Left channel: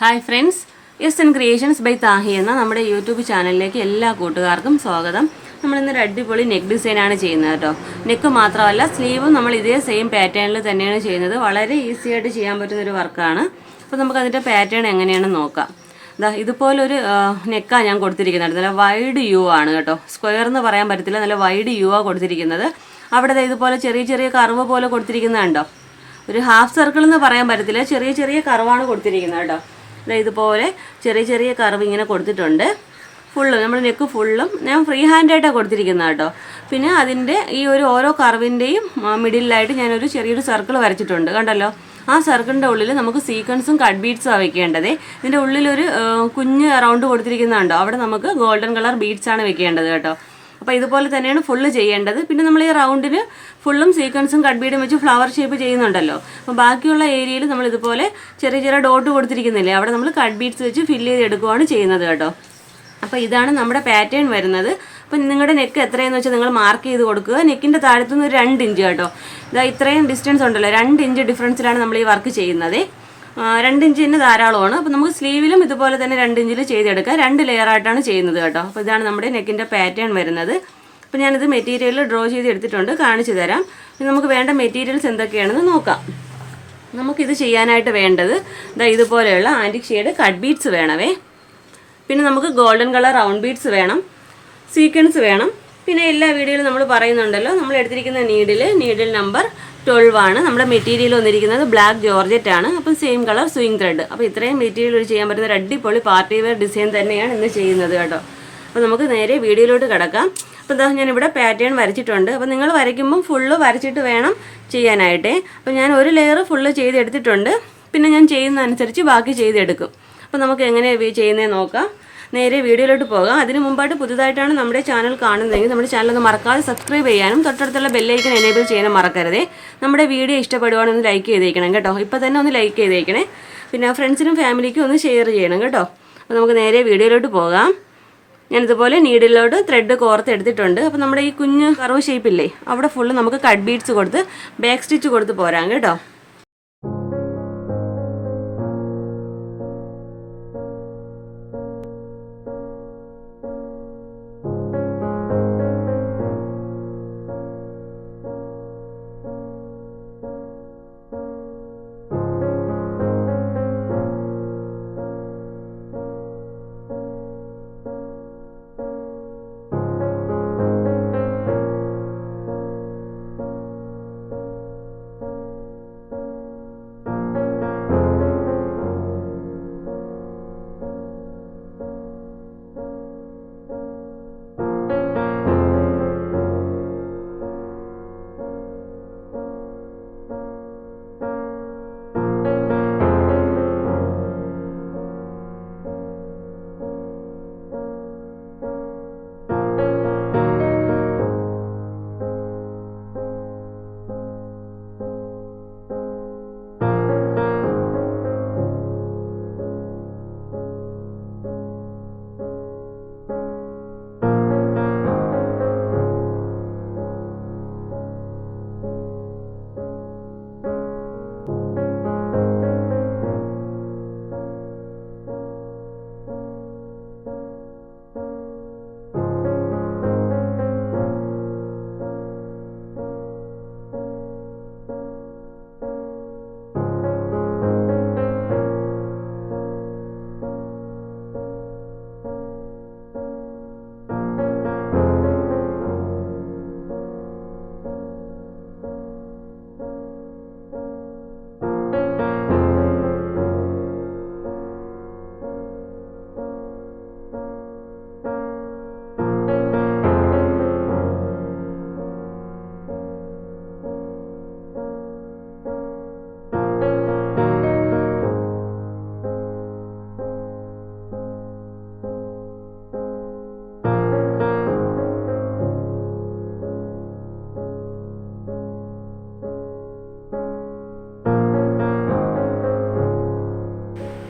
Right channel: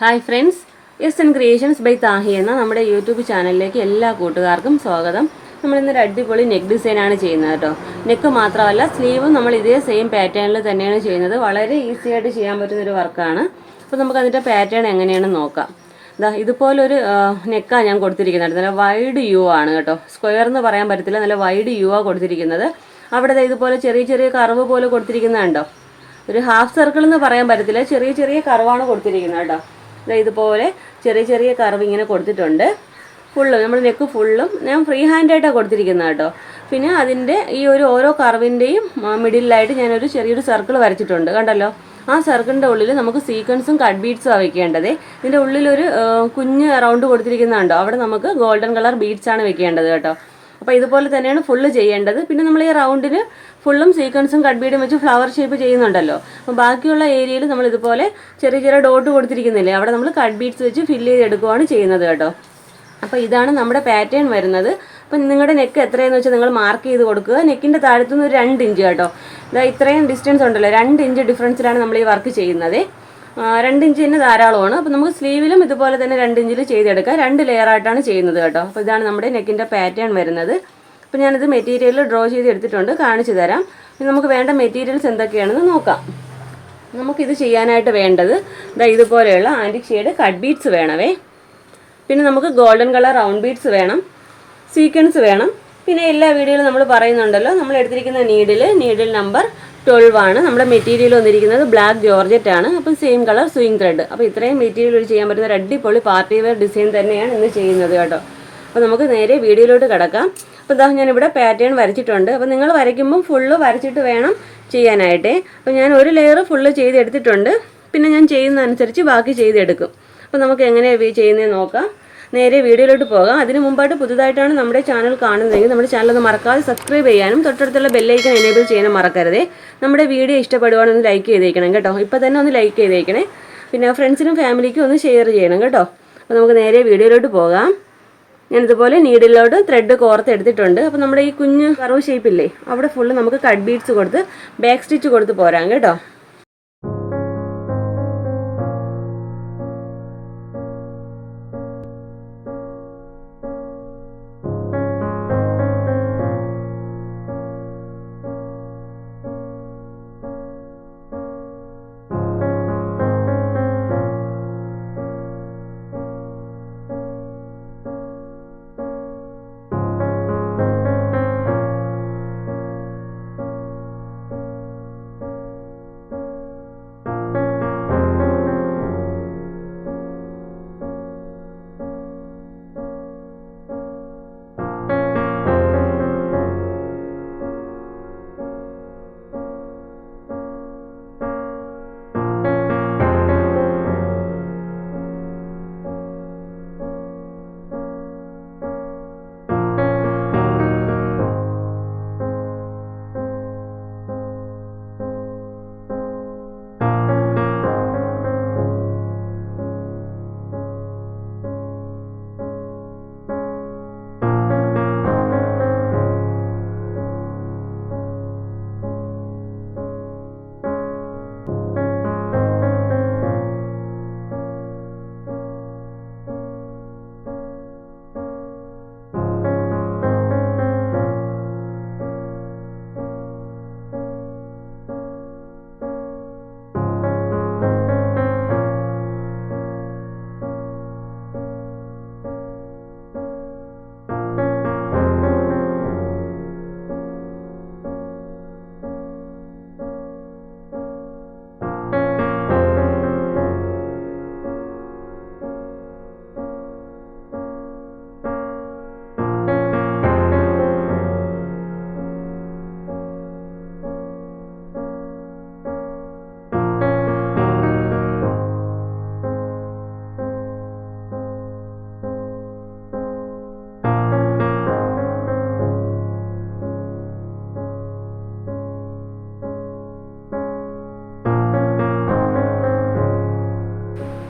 Hi friends, S N creations by Thahi എന്ന നമ്മുടെ YouTube ചാനലിലേക്ക് എല്ലാ കൂട്ടുകാർക്കും സ്വാഗതം. നമ്മളിന്നൊരു അടിപൊളി നെക്ക് ഡിസൈനാണ് ചെയ്യുന്നത് കേട്ടോ. നെക്ക് മാത്രമല്ല, സ്ലീവും നമ്മൾ ഇതേ സെയിം പാറ്റേണിൽ തന്നെയാണ് ചെയ്യുന്നത്. വളരെ ഈസി ആയിട്ട് ചെയ്യാൻ പറ്റുന്നൊരു വർക്കാണ്. അപ്പോൾ നമുക്കതിൻ്റെ പാറ്റേൺ എങ്ങനെയാണെന്ന് നോക്കാം. ഇതുപോലൊരു നെക്കാണ് ഞാൻ കൊടുത്തിരിക്കുന്നത്. നല്ല വൈഡ് യു ആണ് കേട്ടോ. സ്ക്വയർ എന്ന് പറയാൻ പറ്റത്തില്ല, നല്ല വൈഡ് യു ആണ് കൊടുത്തിരിക്കുന്നത്. അവിടെ ഇതുപോലെ ചെറിയ ചെറിയ കർവ് പോലെ കൊടുത്തിരിക്കുന്നതുണ്ടോ. ഒരു ഹാഫ് സർക്കിൾ എന്ന് പറയാൻ പറ്റത്തില്ല, ചെറിയ ചെറിയ കർവാണ് കൊടുത്തിരിക്കുന്നത് കേട്ടോ. ഇതുപോലെ ചെറിയ ചെറിയ കർവ് ഇങ്ങനെ കൊടുത്തിട്ടുണ്ട്. നമ്മൾ നെക്ക് ഫുള്ളും ഞാൻ ഫ്രീ ഹാൻഡായിട്ടാണ് കൊടുത്തിരിക്കുന്നത് കേട്ടോ. പിന്നെ അതിൻ്റെ ഈ ഓരോ കർവിൻ്റെയും മിഡിലായിട്ട് ഞാനൊരു ചെറിയൊരു സർക്കിൾ വരച്ചിട്ടുണ്ട്, കണ്ടല്ലോ. ആ സർക്കിളിൻ്റെ ഉള്ളിൽ നമുക്ക് സീക്വൻസും കട്ട് ബീഡ്സും വെക്കേണ്ടത്. ഇതിൻ്റെ ഉള്ളിലൊരു കുഞ്ഞ് റൗണ്ട് കൊടുത്തിരിക്കുന്നുണ്ടോ, അവിടെ നമുക്ക് ഗോൾഡൻ കളർ ബീഡ്സാണ് വെക്കേണ്ടത് കേട്ടോ. അപ്പോൾ ഇതുപോലെ തന്നെയാണ് ഫുള്ള് ചെയ്യേണ്ടത്. പിന്നെ നമ്മൾ ഈ റൗണ്ടിന് ഫുള്ളും സീക്വൻസും കട്ട് ബീഡും വെച്ച് ഫ്ലവർ ഷേപ്പ് ചെയ്യുന്നുണ്ടല്ലോ. അപ്പോൾ ബാക്കിയുള്ള ഏരിയയിൽ നമ്മൾ ഇതുപോലെ ചെറിയ ചെറിയ ഡോട്ട് കൊടുത്തിരിക്കുന്നില്ലേ, അവിടെ നമ്മൾ കട്ട് ബീഡ്സ് വെച്ച് ഫില്ല് ചെയ്തെടുക്കുകയാണ് ചെയ്യുന്നത് കേട്ടോ. അപ്പോൾ ഇതാണ് നമ്മുടെ പാറ്റേൺ വരുന്നത്. അപ്പം നിങ്ങളുടെ നെക്ക് എത്രയെന്ന് വെച്ചാൽ നിങ്ങൾ മാർക്ക് ചെയ്ത് കൊടുക്കുക. നെക്കിൻ്റെ താഴത്തുനിന്ന് ഒരു 2 ഇഞ്ച് കേട്ടോ. ഇത്രയും ഡിസ്റ്റൻസ് ഉണ്ടല്ലോ, 2 ഇഞ്ച് ഡിഫറൻസിലാണ് നമ്മൾ ഈ വർക്ക് ചെയ്യുന്നത്. 2 ഇഞ്ച് തന്നെ ധാരാളമാണ്. അപ്പോൾ നമുക്ക് സ്ലീവിലും ഇതുപോലെ തന്നെ 2 ഇഞ്ചിൽ ചെയ്തെടുക്കാം. 2 ലെയറായിട്ടാണ് ചെയ്യുന്നത് കേട്ടോ. അപ്പോൾ ഇതാണ് നമ്മുടെ നെക്കിൻ്റെ പാറ്റേൺ വരുന്നത്. അപ്പോൾ ഞാനിത് മെറ്റീരിയൽ ഡ്രോ ചെയ്ത് എടുത്തിട്ടുണ്ട്, കാണിച്ചു തരാം. നമുക്ക് വേണ്ട മെറ്റീരിയൽസ് എന്തൊക്കെയാണെന്ന് നോക്കാം. നമുക്കിത് ചെയ്യാനായിട്ട് വേണ്ടത് ഇതുപോലെയുള്ള ആൻറ്റിക് ഷെയ്ഡ് കട്ട് ബീഡ്സ് വേണമേ. പിന്നെ നമുക്ക് ഗോൾഡൻ കളർ റൗണ്ട് ബീഡ്സ് വേണം, സീക്വൻസ് വേണം. പിന്നെ എല്ലാ വീഡിയോയിലും നമ്മൾ പറയുന്നുണ്ടല്ലോ, നമ്മൾ എടുത്തിരിക്കുന്ന നീഡിൽ നമ്പർ 12 ആണ്. നമ്മുടെ മെറ്റീരിയൽ വന്നിരിക്കുന്നത് ബ്ലാക്ക് ജോർജറ്റ് ആണ്. അപ്പം സെയിം കളർ സ്വിങ് ത്രെഡ്. അപ്പോൾ ഇത്രയും മെറ്റീരിയൽ ചെയ്യാൻ പറ്റുന്ന ഒരു അടിപൊളി പാർട്ടി വെയർ ഡിസൈൻ തന്നെയാണ് ഇന്ന് ചെയ്യുന്നത് കേട്ടോ. അപ്പോൾ നമുക്ക് നേരെ വീഡിയോയിലോട്ട് കിടക്കാം. അപ്പോൾ ഞാനിവിടെ പാറ്റേൺ വരച്ചിട്ടുണ്ട്. അപ്പോൾ നിങ്ങൾ വരയ്ക്കുമ്പം ഫുള്ള് വരച്ചിട്ട് വേണം ചെയ്യാനായിട്ടേ. അപ്പോൾ ഞാൻ ഒരു ലെയർ ഫുള്ള് ചെയ്തെടുത്തിട്ടുണ്ട്. പിന്നെ ഞാൻ ചെയ്യുന്നതനുസരിച്ച് ബാക്കി ചെയ്തെടുക്കും. അപ്പോൾ നമുക്ക് എങ്ങനെയാണ് ചെയ്യുന്നത് നോക്കാം. നേരെ വീഡിയോയിലോട്ട് പോകാം. അതിന് മുമ്പായിട്ട് പുതുതായിട്ടാണ് നമ്മുടെ ചാനൽ കാണുന്നതെങ്കിൽ നമ്മുടെ ചാനൽ ഒന്ന് മറക്കാതെ സബ്സ്ക്രൈബ് ചെയ്യാനും തൊട്ടടുത്തുള്ള ബെല്ലൈക്കൻ എനേബിൾ ചെയ്യാനും മറക്കരുതേ. നമ്മുടെ വീഡിയോ ഇഷ്ടപ്പെടുവാണെങ്കിൽ ഒന്ന് ലൈക്ക് ചെയ്തേക്കണം കേട്ടോ. ഇപ്പോൾ തന്നെ ഒന്ന് ലൈക്ക് ചെയ്തേക്കണേ. പിന്നെ ഫ്രണ്ട്സിനും ഫാമിലിക്കും ഒന്ന് ഷെയർ ചെയ്യണം കേട്ടോ. അപ്പോൾ നമുക്ക് നേരെ വീഡിയോയിലോട്ട് പോകാം. ഞാനിതുപോലെ നീഡിലോട്ട് ത്രെഡ് കോർത്ത് എടുത്തിട്ടുണ്ട്. അപ്പോൾ നമ്മുടെ ഈ കുഞ്ഞ് കർവ് ഷേപ്പില്ലേ, അവിടെ ഫുള്ള് നമുക്ക് കട്ട് ബീഡ്സ് കൊടുത്ത് ബാക്ക് സ്റ്റിച്ച് കൊടുത്ത് പോരാം കേട്ടോ.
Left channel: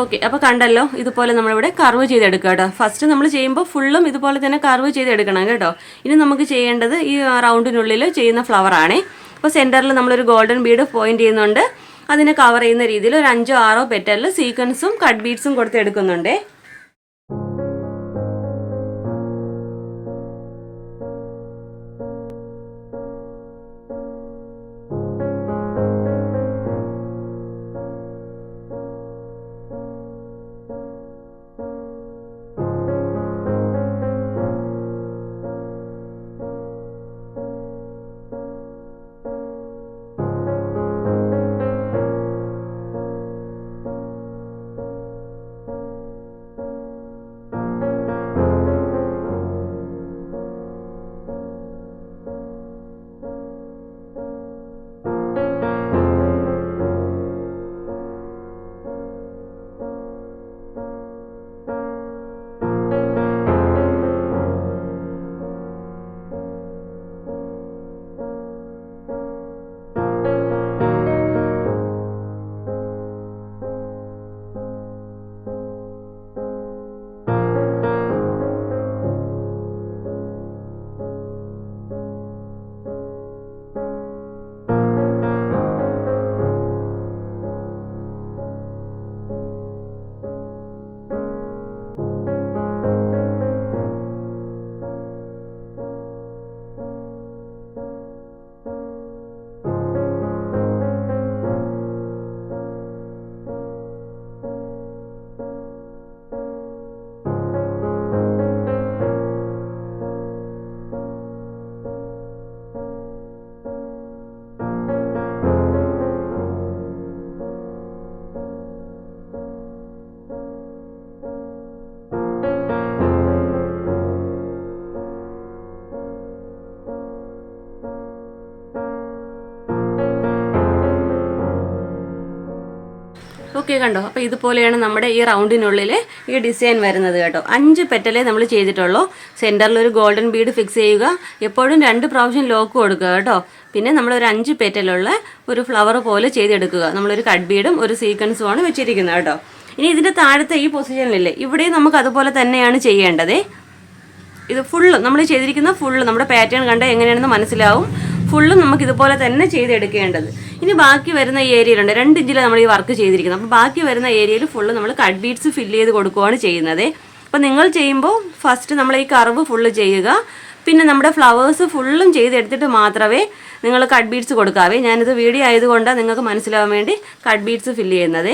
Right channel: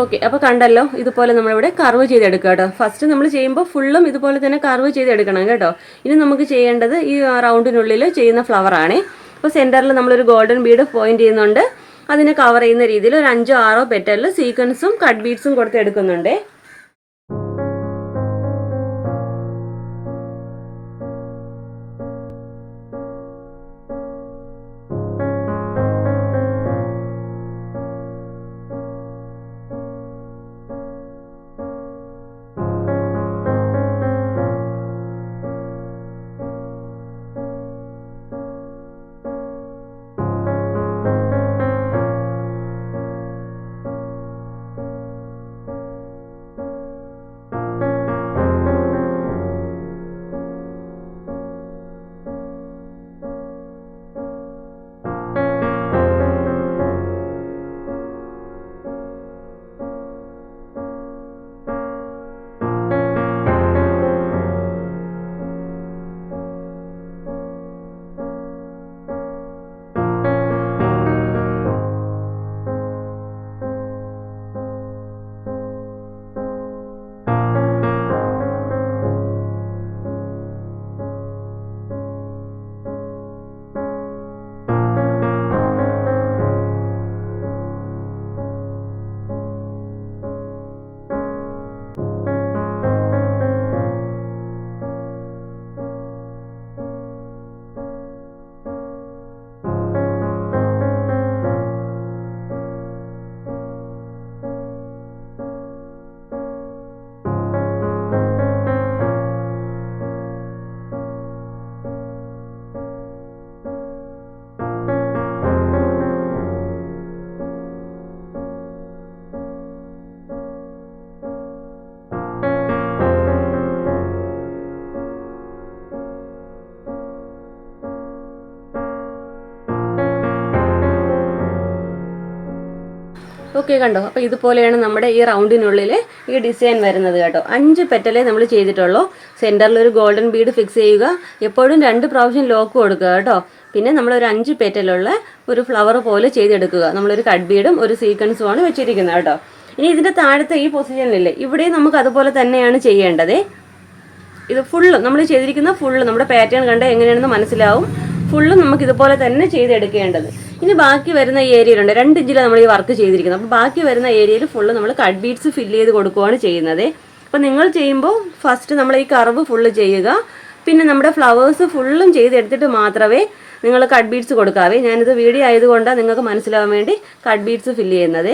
ഓക്കെ, അപ്പോൾ കണ്ടല്ലോ, ഇതുപോലെ നമ്മളിവിടെ കർവ് ചെയ്തെടുക്കുക കേട്ടോ. ഫസ്റ്റ് നമ്മൾ ചെയ്യുമ്പോൾ ഫുള്ളും ഇതുപോലെ തന്നെ കർവ് ചെയ്തെടുക്കണം കേട്ടോ. ഇനി നമുക്ക് ചെയ്യേണ്ടത് ഈ റൗണ്ടിനുള്ളിൽ ചെയ്യുന്ന ഫ്ലവറാണേ. അപ്പോൾ സെൻറ്ററിൽ നമ്മളൊരു ഗോൾഡൻ ബീഡ് പോയിന്റ് ചെയ്യുന്നുണ്ട്. അതിനെ കവർ ചെയ്യുന്ന രീതിയിൽ ഒരു 5-6 പെറ്റലിൽ സീക്വൻസും കട്ട് ബീഡ്സും കൊടുത്ത് എടുക്കുന്നുണ്ട്. ഓക്കെ, കണ്ടോ? അപ്പോൾ ഇതുപോലെയാണ് നമ്മുടെ ഈ റൗണ്ടിനുള്ളിൽ ഈ ഡിസൈൻ വരുന്നത് കേട്ടോ. 5 പെറ്റലേ നമ്മൾ ചെയ്തിട്ടുള്ളൂ. സെൻറ്ററിൽ ഒരു ഗോൾഡൻ ബീഡ് ഫിക്സ് ചെയ്യുക. എപ്പോഴും 2 പ്രാവശ്യം ലോക്ക് കൊടുക്കുക കേട്ടോ. പിന്നെ നമ്മളൊരു 5 പെറ്റലുള്ള ഒരു ഫ്ലവർ പോലെ ചെയ്തെടുക്കുക. നമ്മളൊരു കട്ട് ബീഡും ഒരു സീക്വൻസുമാണ് വെച്ചിരിക്കുന്നത് കേട്ടോ. ഇനി ഇതിൻ്റെ താഴത്തെ ഈ പൊസിഷനിലില്ലേ, ഇവിടെ നമുക്ക് അതുപോലെ തന്നെയാണ് ചെയ്യേണ്ടത്. ഇത് ഫുള്ളും നമ്മൾ ചെയ്തിരിക്കുന്ന ഫുള്ള് നമ്മുടെ പാറ്റേൺ കണ്ടാൽ എങ്ങനെയാണെന്ന് മനസ്സിലാവും. ഫുള്ളും നമുക്ക് ഇതുപോലെ തന്നെ ചെയ്തെടുക്കേണ്ടത്. ഇനി ബാക്കി വരുന്ന ഏരിയയിലുണ്ട് 2 ഇഞ്ചിൽ നമ്മൾ ഈ വർക്ക് ചെയ്തിരിക്കുന്നത്. അപ്പോൾ ബാക്കി വരുന്ന ഏരിയയിൽ ഫുള്ള് നമ്മൾ കട്ട് ബീഡ്സ് ഫില്ല് ചെയ്ത് കൊടുക്കുകയാണ് ചെയ്യുന്നത്. അപ്പോൾ നിങ്ങൾ ചെയ്യുമ്പോൾ ഫസ്റ്റ് നമ്മൾ ഈ കർവ് ഫുള്ള് ചെയ്യുക. പിന്നെ നമ്മുടെ ഫ്ലവേഴ്സ് ഫുള്ളും ചെയ്തെടുത്തിട്ട് മാത്രമേ നിങ്ങൾ കട്ട് ബീഡ്സ് കൊടുക്കാവേ. ഞാനിത് വീഡിയോ ആയതുകൊണ്ടാണ് നിങ്ങൾക്ക് മനസ്സിലാവാൻ വേണ്ടി കട്ട് ബീഡ്സ് ഫില്ല് ചെയ്യുന്നത്.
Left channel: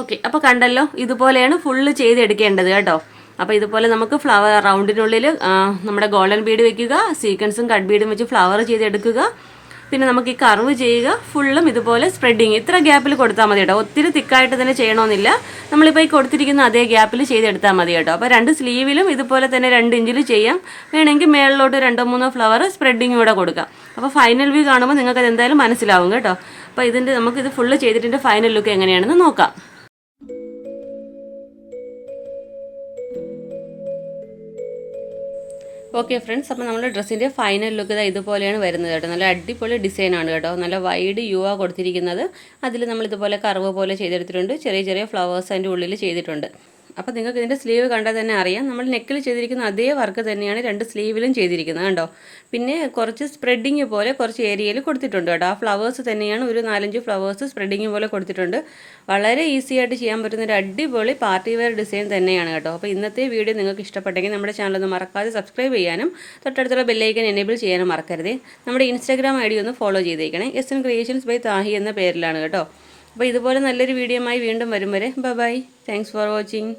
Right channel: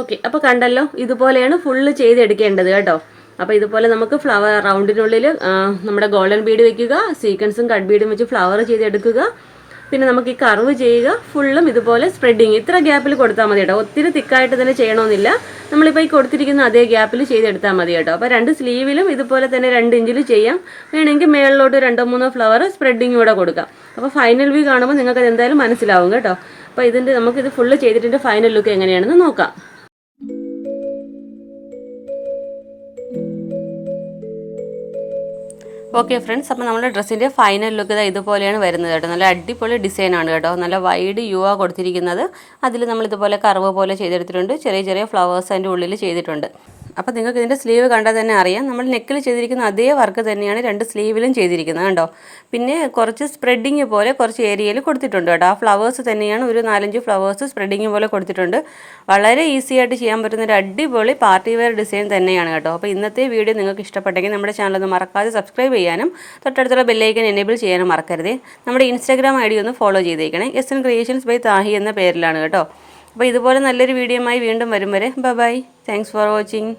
ഓക്കെ, അപ്പോൾ കണ്ടല്ലോ, ഇതുപോലെയാണ് ഫുള്ള് ചെയ്തെടുക്കേണ്ടത് കേട്ടോ. അപ്പോൾ ഇതുപോലെ നമുക്ക് ഫ്ലവർ റൗണ്ടിനുള്ളിൽ നമ്മുടെ ഗോൾഡൻ ബീഡ് വെക്കുക, സീക്വൻസും കട്ട് ബീഡും വെച്ച് ഫ്ലവർ ചെയ്തെടുക്കുക. പിന്നെ നമുക്ക് ഈ കർവ് ചെയ്യുക, ഫുള്ളും ഇതുപോലെ സ്പ്രെഡിങ് ഇത്ര ഗ്യാപ്പിൽ കൊടുത്താൽ മതി കേട്ടോ. ഒത്തിരി തിക്കായിട്ട് തന്നെ ചെയ്യണമെന്നില്ല, നമ്മളിപ്പോൾ ഈ കൊടുത്തിരിക്കുന്ന അതേ ഗ്യാപ്പിൽ ചെയ്തെടുത്താൽ മതി കേട്ടോ. അപ്പോൾ 2 സ്ലീവിലും ഇതുപോലെ തന്നെ 2 ഇഞ്ചിൽ ചെയ്യാം. വേണമെങ്കിൽ മേളിലോട്ട് 2-3 ഫ്ലവർ സ്പ്രെഡിങ് കൂടെ കൊടുക്കാം. അപ്പോൾ ഫൈനൽ വ്യൂ കാണുമ്പോൾ നിങ്ങൾക്ക് അത് എന്തായാലും മനസ്സിലാവും കേട്ടോ. അപ്പോൾ നമുക്കിത് ഫുള്ള് ചെയ്തിട്ട് ഫൈനൽ ലുക്ക് എങ്ങനെയാണെന്ന് നോക്കാം. ഓക്കെ ഫ്രണ്ട്സ്, അപ്പോൾ നമ്മുടെ ഡ്രസ്സിൻ്റെ ഫൈനൽ ലുക്ക് ഇതുപോലെയാണ് വരുന്നത് കേട്ടോ. നല്ല അടിപൊളി ഡിസൈനാണ് കേട്ടോ. നല്ല വൈഡ് യു ആ കൊടുത്തിരിക്കുന്നത്. അതിൽ നമ്മൾ ഇതുപോലെ കർവ് പോലെ ചെയ്തെടുത്തിട്ടുണ്ട്. ചെറിയ ചെറിയ ഫ്ലവേഴ്സ് അതിൻ്റെ ഉള്ളിൽ ചെയ്തിട്ടുണ്ട്. അപ്പോൾ നിങ്ങൾക്ക് ഇതിൻ്റെ സ്ലീവ് കണ്ടാൽ തന്നെ അറിയാം, നമ്മൾ നെക്കിൽ ചെയ്തിരിക്കുന്ന അതേ വർക്ക് തന്നെയാണ് 2 സ്ലീവിലും ചെയ്തിരിക്കുന്നത് കണ്ടോ. പിന്നെ കുറച്ച് സ്പ്രെഡിങ് പോലെ കുറച്ച് ഏരിയയിൽ കൊടുത്തിട്ടുണ്ട് കേട്ടോ. ആ ഫ്ലവേഴ്സ് തന്നെയാണ്, ഒരു 4-5 ഫ്ലവേഴ്സ് സ്പ്രെഡിങ് പോലെ കൊടുത്തിട്ടുണ്ട്. വളരെ ഈസി ആയിട്ട് ചെയ്യാൻ പറ്റുന്ന ഒരു അടിപൊളി പാർട്ടി വെയർ ഡിസൈൻ തന്നെയാണ് കേട്ടോ. അപ്പോൾ ഇന്നത്തെ വീഡിയോ നിങ്ങൾക്ക് ഇഷ്ടപ്പെട്ടെങ്കിൽ നമ്മുടെ ചാനൽ ഒന്ന് മറക്കാതെ സബ്സ്ക്രൈബ് ചെയ്യാനും തൊട്ടടുത്തുള്ള ബെല്ലൈക്കൻ എനേബിൾ ചെയ്യാനും മറക്കരുതേ. നമ്മുടെ ഇൻസ്റ്റാഗ്രാം ഐ ഡി ഒന്ന് ഫോളോ ചെയ്തേക്കണേ. SN Creations by താഹി എന്ന പേരിലാണ് കേട്ടോ. അപ്പോൾ ഇതുപോലെ നല്ലൊരു വീഡിയോയുമായി വീണ്ടും വരും വരെ ബൈ. Thanks for watching.